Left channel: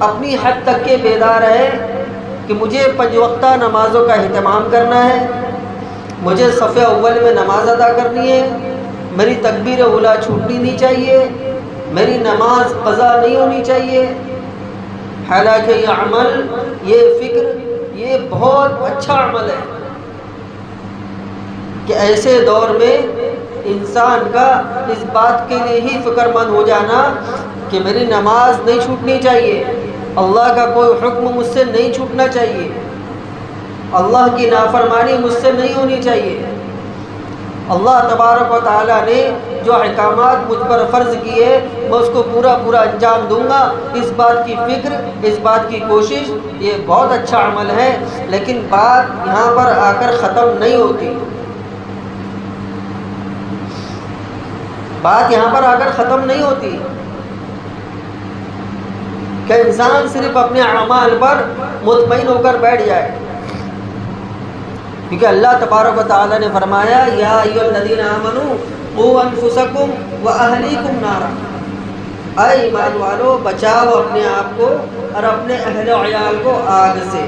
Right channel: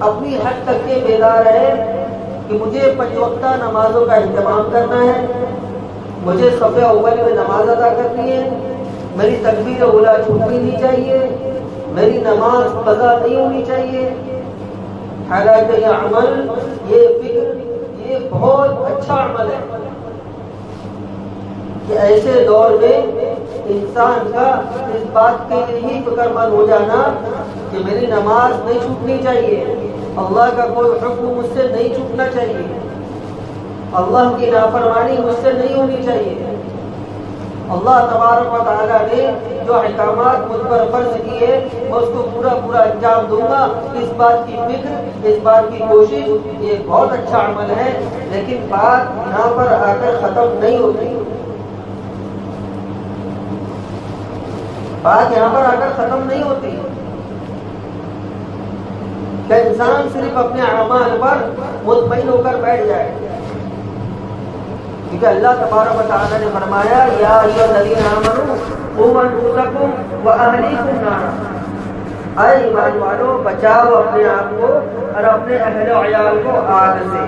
اپنی حد تک کے بیدار رہے کہ مجھے 5 وقتہ نمازوں کا اہتمام کرنا ہے، مجھے صف اول میں نماز ادا کرنی ہے، میری تکبیر اولیٰ چھوٹنی نہیں چاہیے، میری نماز قضا نہیں ہونی چاہیے۔ حالانکہ یہ عمل، یہ فکر، یہ بہت اچھا عمل ہے کہ ایسے دور میں انسان کا اس بات کے لیے ہی فکر مند ہو جانا کہ میری نماز نہیں چھوٹنی چاہیے، اللہ کا کوئی حکم مجھ سے نہیں چھوٹنا چاہیے، اللہ کی نافرمانی مجھ سے نہیں ہونی چاہیے، اللہ تبارک و تعالیٰ نے جو احکامات مجھ پر فرض کیے میں اس کو پورا انجام دوں گا، اس بات کی فکر، اس بات کی کوشش، یہ بہت اچھا عمل ہے۔ لیکن بات یہاں پر آ کر ختم نہیں ہوتی، بات یہاں پر آ کر ختم نہیں ہوتی کہ انسان صرف اپنے اعمال پر مطمئن ہو کر بیٹھ جائے، کیونکہ اللہ تبارک و تعالیٰ نے فرمایا یا ایھا الذین آمنوا قوا انفسکم واہلیکم نارا، اے ایمان والو بچاؤ اپنے آپ کو اور اپنے اہل و عیال کو آگ سے۔